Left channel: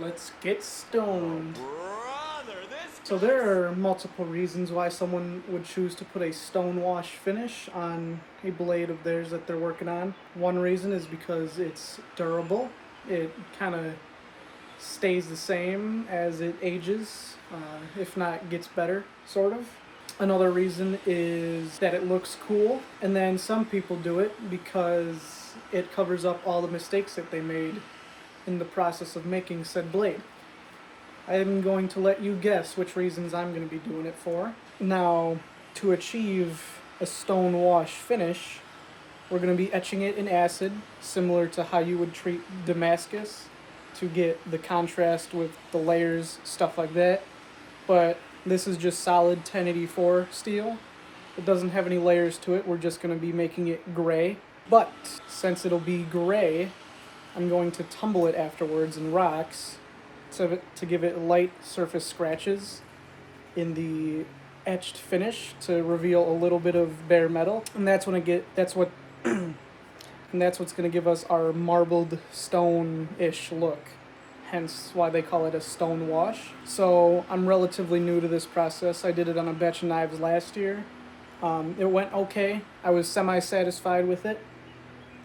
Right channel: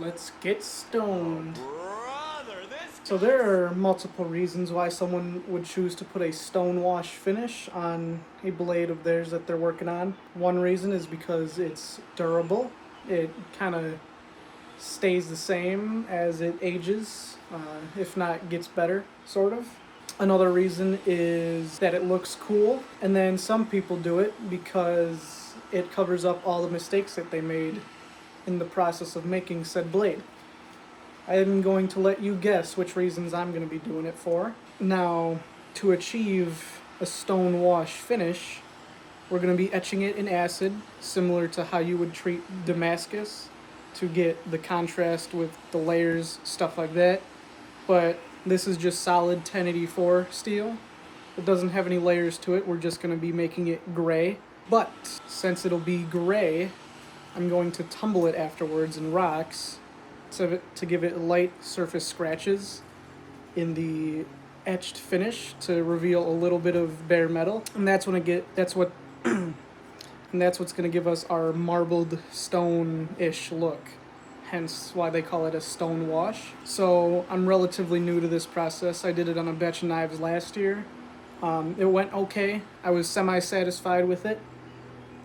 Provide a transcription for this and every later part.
Let's get stoned. Brother, this So there are multiple reasons why someone would choose to put a stone wash finish on a blade of theirs that they're working on. One reason is because it's durable. It kind of stays the same as it ages, if not gets better, sort of. Another reason is that it looks cool, and then some people do it because it covers up all the mistakes that they made in the process of making said blade. I'm going to let you guess which reasons I'm going to be doing it for. Now, to achieve a stone wash finish, we're going to be etching it in acid, similar to how you would treat Damascus, to get the contrast with the layers, stuff like that. But this is just solid 1084 steel. It doesn't have any layers to it. We're just going to be making it gray. But since it'll be gray, I'm going to tumble it afterwards in rocks to give it light surface scratches in the etched finish to reveal a little bit of bare metal, and that's when and that's what's going to give us our marbled stone-ish look. Hence why they call it a stone wash. So I'm relatively new to this process. I did it on a batch of knives last year. It went okay. I was semi-satisfied with it.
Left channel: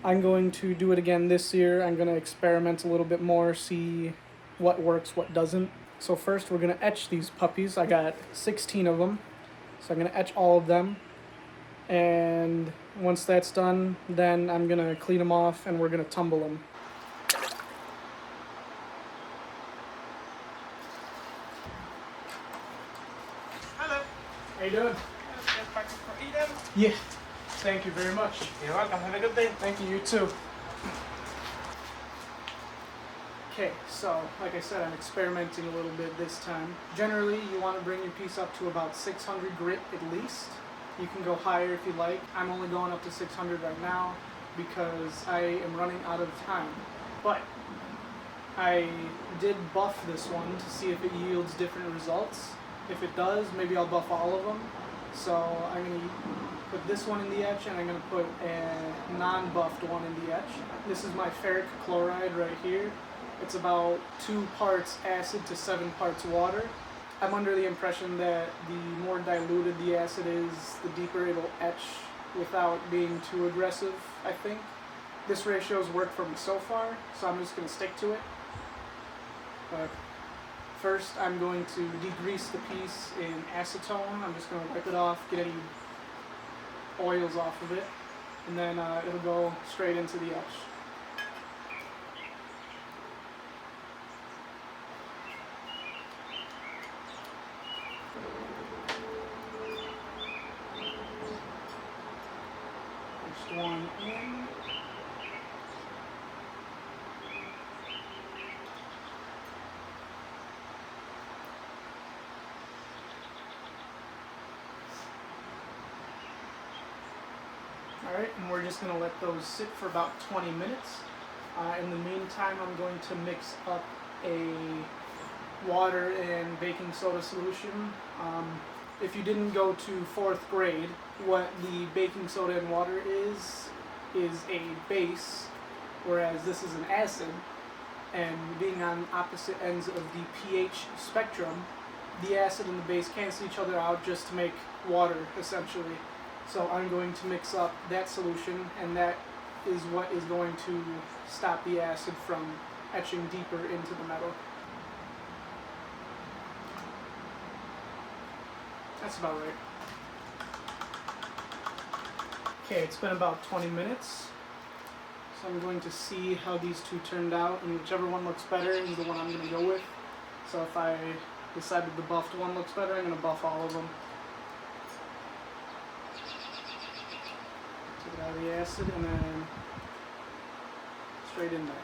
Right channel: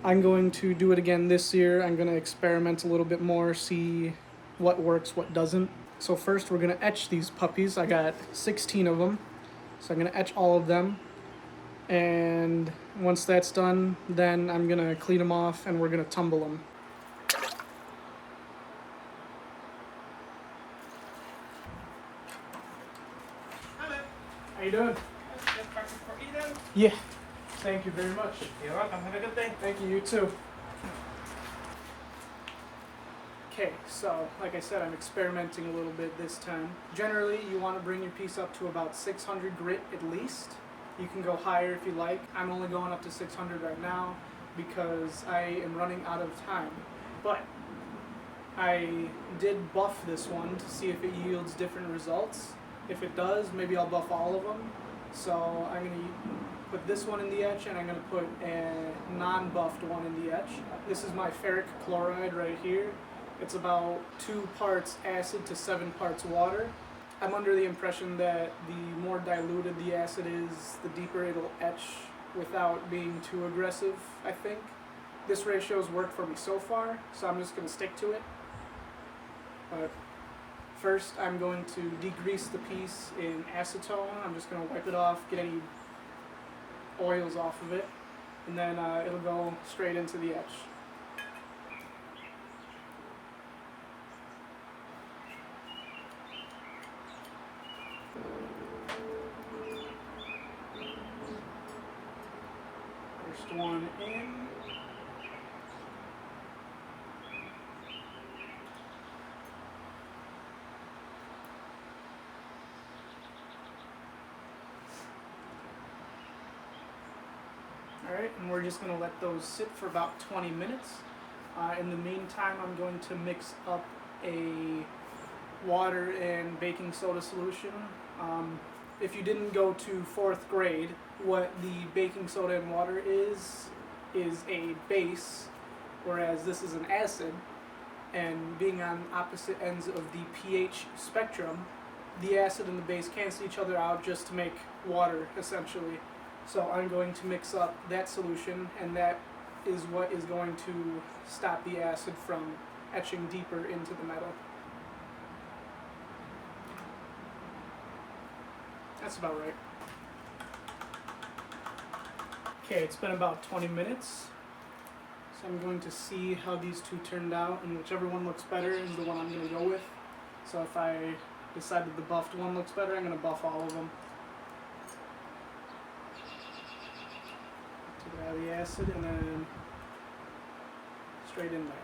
I'm going to do it again this year. I'm going to experiment a little bit more, see what works, what doesn't. So first we're going to etch these puppies. I got 16 of them. So I'm going to etch all of them. And once that's done, then I'm going to clean them off and we're going to tumble them. Hello. How you doing? Eden. Yeah. Thank you very much. You're welcome. Have a good day. Thank you, you too. Okay, so like I said, I'm experimenting a little bit this time. Generally, you want to bring your piece up to about 600 grit at least. You can go higher if you like. I'm only going up to 600 right now because I am running out of time. But I did buff this one to see if it yields different results. If it does, maybe I'll buff all of them. So I'm going to put this one in the etch, and I'm going to put a non-buffed one in the etch. This is my ferric chloride right here. It's about 2 parts acid to 7 parts water. I'm under the impression that the more diluted the acid is, the deeper it'll etch without being too aggressive, I think. This ratio's worked for me so far, so I'm just going to stick to it. But first I'm going to degrease the piece in acetone. I'm just going to wipe it off, get any oils off of it, and then it'll go straight into the etch. First one in. Alright, and we're just going to let those sit for about 20 minutes. In the meantime, I'm going to mix up a water and baking soda solution. If you didn't go to 4th grade, what the baking soda and water is a base, whereas this is an acid. And being on opposite ends of the pH spectrum, the acid and the base cancel each other out just to make water, essentially. So I'm going to mix up that solution, and that is what is going to stop the acid from etching deeper into the metal. That's about right. Okay, it's been about 20 minutes. So I'm going to see how these two turned out, and whichever one looks better is the one I'm going to go with. So if I decided the buffed one looks better, I'm going to buff all of them. Take it out of the acid and then straight in there.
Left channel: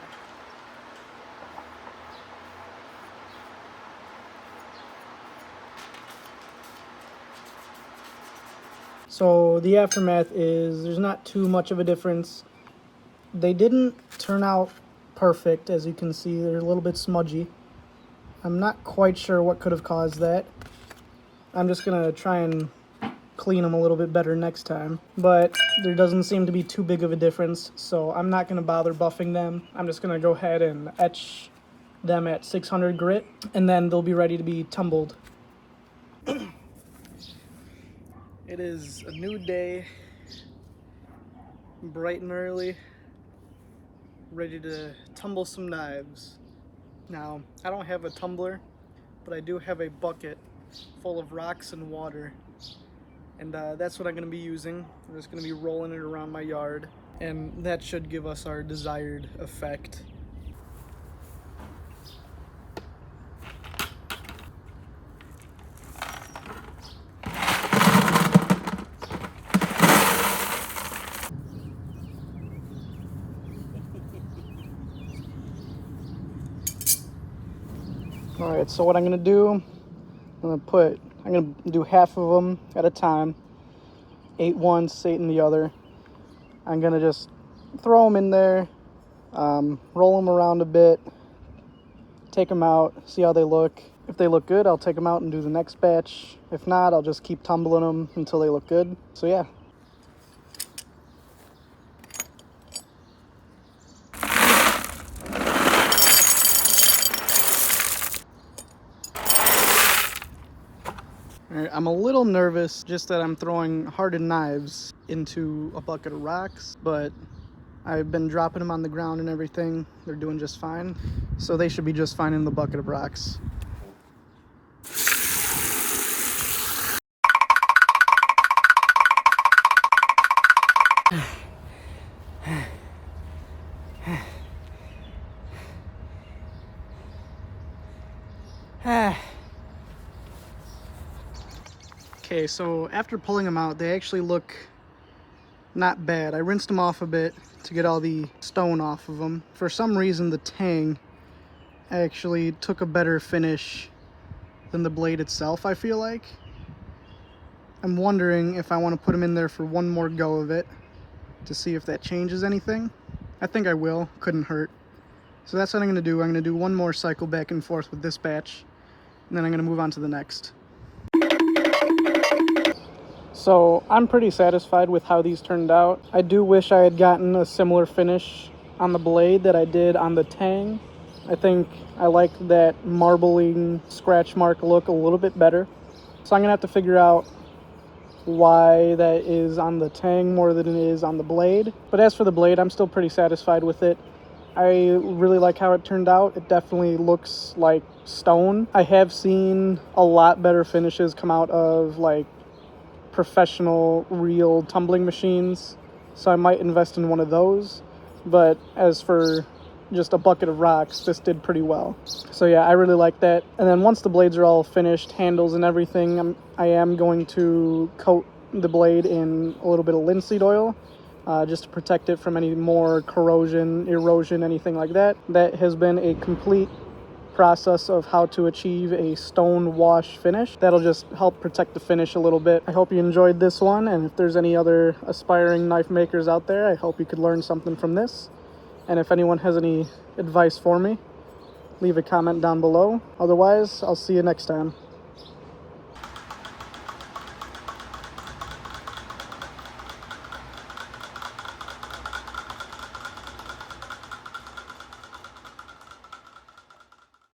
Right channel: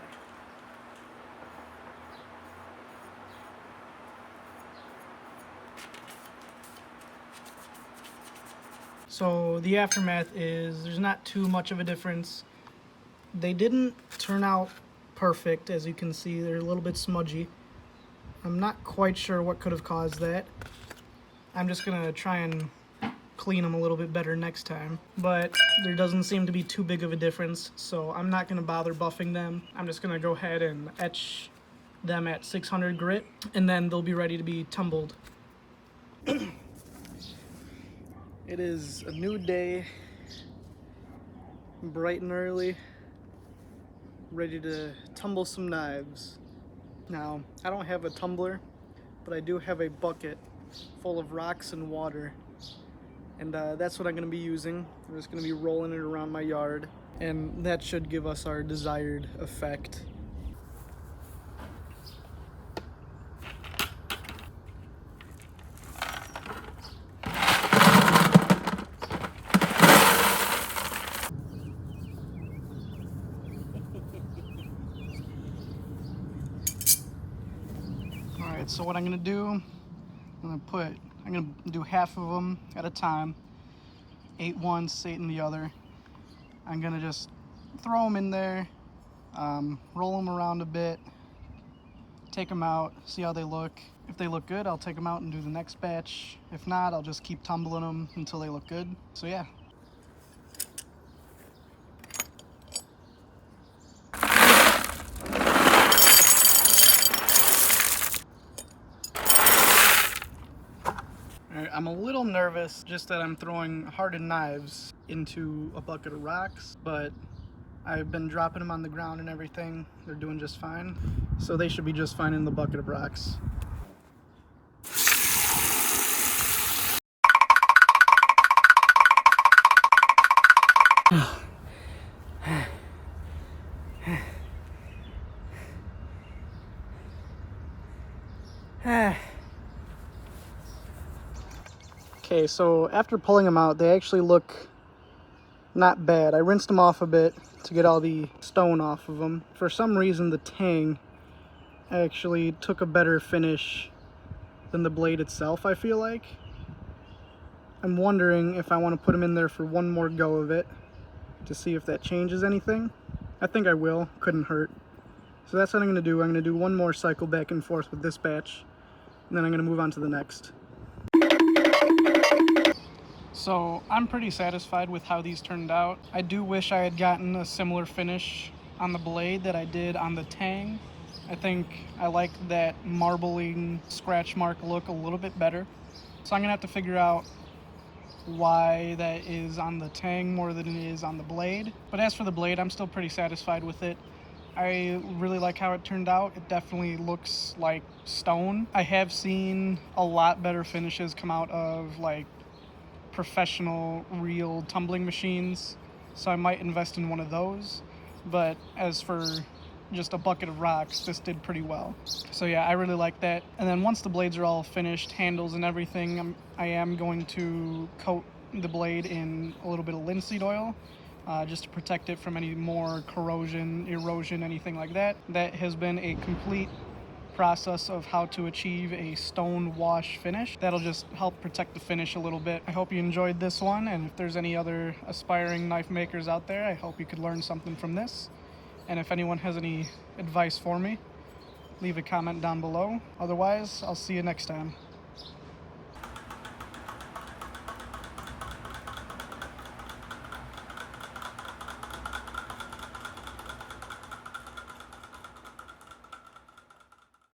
So the aftermath is there's not too much of a difference. They didn't turn out perfect, as you can see. They're a little bit smudgy. I'm not quite sure what could have caused that. I'm just gonna try and clean them a little bit better next time. But there doesn't seem to be too big of a difference, so I'm not gonna bother buffing them. I'm just gonna go ahead and etch them at 600 grit, and then they'll be ready to be tumbled. It is a new day, bright and early, ready to tumble some knives. Now, I don't have a tumbler, but I do have a bucket full of rocks and water, and that's what I'm going to be using. I'm just going to be rolling it around my yard, and that should give us our desired effect. Alright, so what I'm going to do, I'm going to do half of them at a time. 8 once, 8 in the other. I'm going to just throw them in there, roll them around a bit, take them out, see how they look. If they look good, I'll take them out and do the next batch. If not, I'll just keep tumbling them until they look good. So yeah. I'm a little nervous just that I'm throwing hardened knives into a bucket of rocks, but I've been dropping them on the ground and everything. They're doing just fine. So they should be just fine in the bucket of rocks. Okay, so after pulling them out, they actually look not bad. I rinsed them off a bit to get all the stone off of them. For some reason, the tang actually took a better finish than the blade itself, I feel like. I'm wondering if I want to put them in there for one more go of it to see if that changes anything. I think I will. Couldn't hurt. So that's what I'm going to do. I'm going to do one more cycle back and forth with this batch, and then I'm going to move on to the next. So I'm pretty satisfied with how these turned out. I do wish I had gotten a similar finish on the blade that I did on the tang. I think I like that marbling scratch mark look a little bit better. So I'm gonna have to figure out why that is on the tang more than it is on the blade. But as for the blade, I'm still pretty satisfied with it. I really like how it turned out. It definitely looks like stone. I have seen a lot better finishes come out of like professional real tumbling machines, so I might invest in one of those. But as for just a bucket of rocks, this did pretty well. So yeah, I really like that. And then once the blades are all finished, handles and everything, I am going to coat the blade in a little bit of linseed oil, just to protect it from any more corrosion, erosion, anything like that. That has been a complete process of how to achieve a stone wash finish. That'll just help protect the finish a little bit. I hope you enjoyed this one, and if there's any other aspiring knife makers out there, I hope you could learn something from this. And if anyone has any advice for me, leave a comment down below. Otherwise, I'll see you next time.